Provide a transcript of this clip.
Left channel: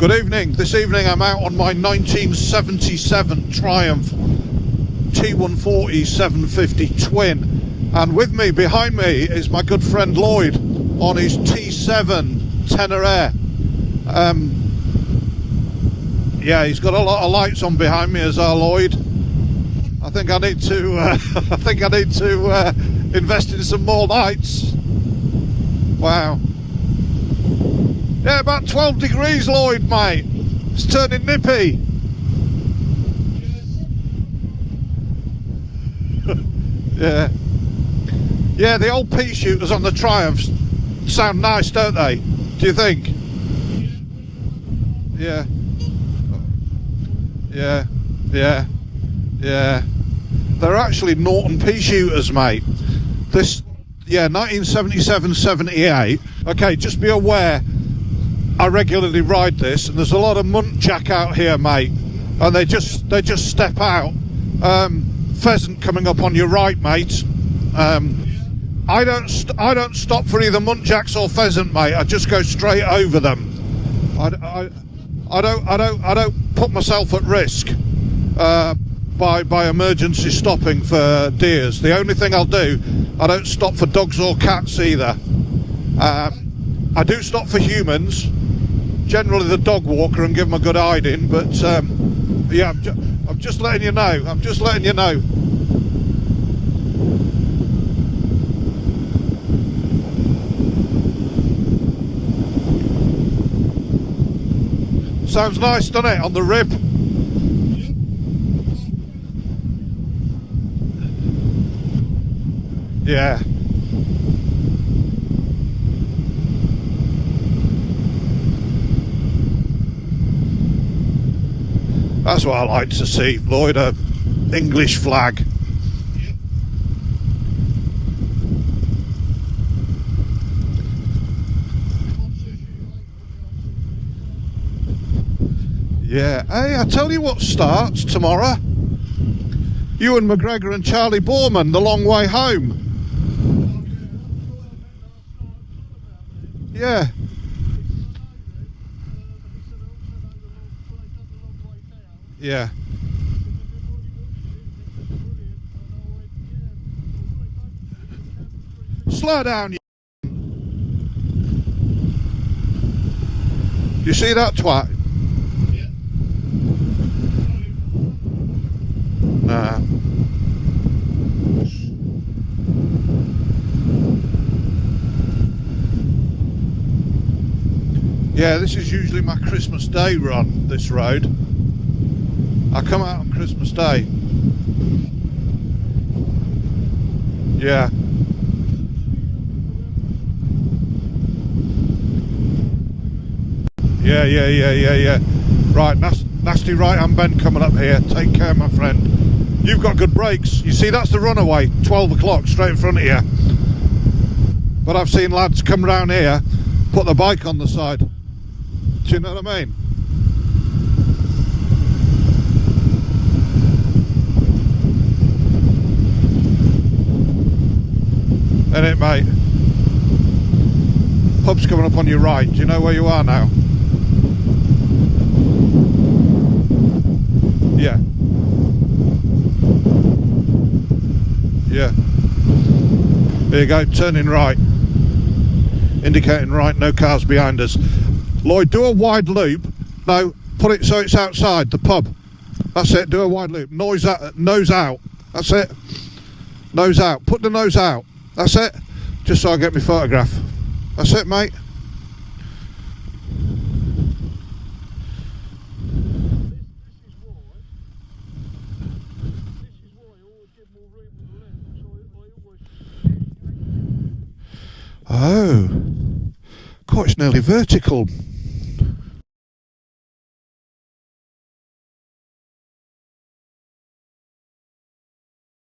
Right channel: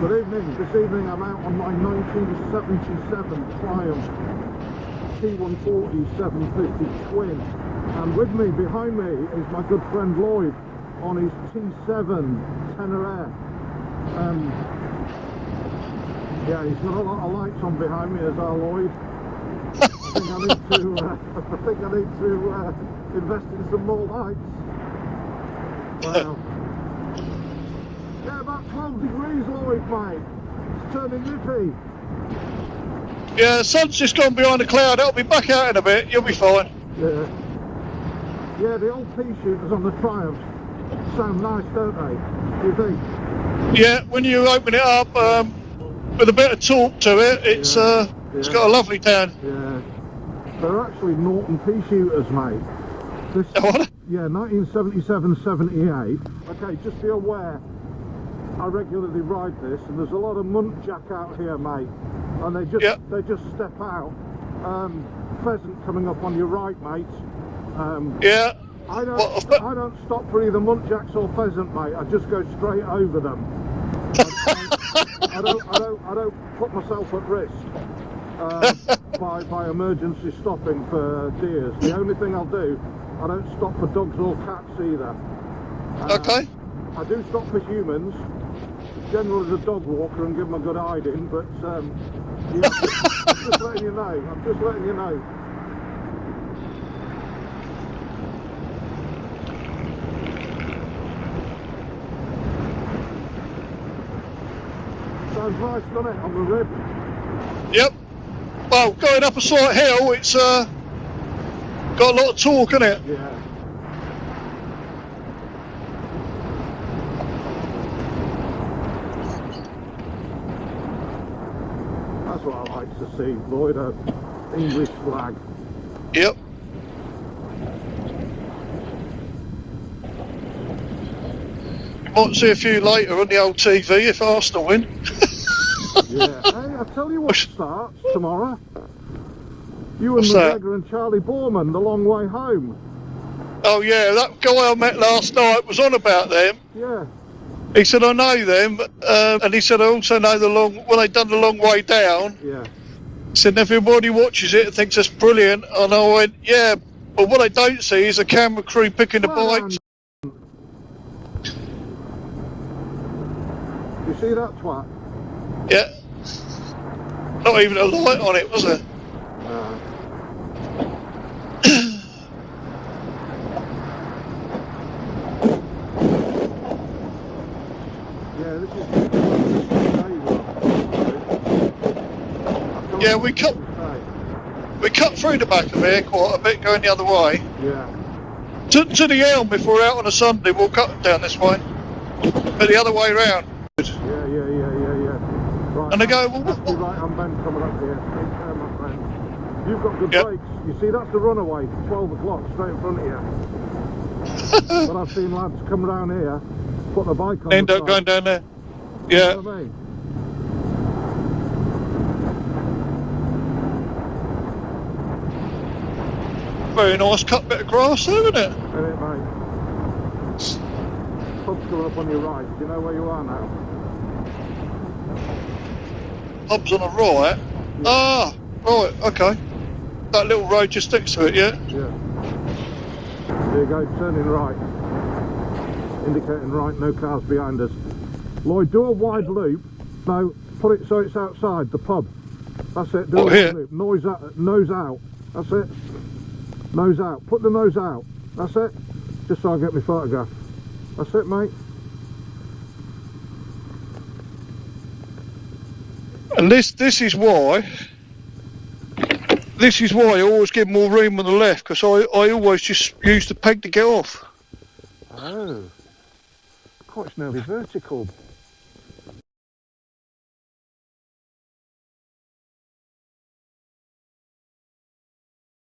Good evening. This evening I'm out on my 1977 Triumph T140 750 twin, and with me, behind me, is my good friend Lloyd on his T7 Tenor Air. Yeah, he's got a lot of lights on behind me, as our Lloyd. I think I need to invest in some more lights. Wow. Yeah, about 12 degrees, Lloyd, mate. It's turning nippy. Yeah, the sun's just gone behind a cloud. It'll be back out in a bit. You'll be fine. Yeah. Yeah, the old pea shooters on the Triumphs sound nice, don't they? Do you think? Yeah, when you open it up with a bit of torque to it, it's got a lovely tone. Yeah. They're actually Norton pea shooters, mate. This, What? yeah, 1977-78. Okay, just be aware, I regularly ride this, and there's a lot of muntjac out here, mate, and they just step out. Pheasant coming up on your right, mate. Yeah. I don't stop for either muntjacks or pheasant, mate. I just go straight over them. I don't put myself at risk by emergency stopping for deers. The only thing I'll do, I don't stop for dogs or cats either. Okay. I do stop for humans, generally the dog walker, and give them a good hiding, but yeah, I'm just letting you know. I'm just letting you know. Sounds nice, doesn't it, on the rib? Yep. Well, going up a slight hill, it's got a lot of torque in it. Yeah. That's what I like to see, Lloyd, a English flag. Yep. You might see a few later on the old TV if Arsenal win. Yeah. Hey, I tell you what starts tomorrow. You and What's McGregor that? and Charlie Borman, The Long Way Home. Oh yeah, that guy I met last night was on about them. Yeah. He said, I know them, and he said, I also know when they done the long way down. Yeah. He said, everybody watches it and thinks it's brilliant. And I went, yeah, but what they don't see is a camera crew picking Slow the down, bikes. You see that twat? Yeah. Not even a light on it, was there? Nah. Yeah, this is usually my Christmas Day run, this road. I come out on Christmas Day. We cut through the back of here quite a bit going the other way. Yeah. To the Elm, if we're out on a Sunday, we'll cut down this way. But the other way round. Yeah. Right, And they go, nasty right-hand bend coming up here. Take care, my friend. You've got good brakes. You see, that's the runaway, 12 o'clock, straight in front of you. But I've seen lads come round here, put the bike on the side. Going down there. Do you know what I mean? Very nice cut bit of grass there, isn't it? Isn't it, mate? Pub's coming up on your right. Do you know where you are now? Pub's on the right. Yeah. Ah, right, okay. That little road just next to it, yeah? Yeah. There you go, turning right. Indicating right, no cars behind us. Lloyd, do a wide loop. No, put it so it's outside the pub. That's it, do a wide loop. Nose out. That's it. Nose out. Put the nose out. That's it. Just so I get my photograph. That's it, mate. And this is why I always give more room on the left, because I always just use the peg to get off. Oh. God, it's nearly vertical.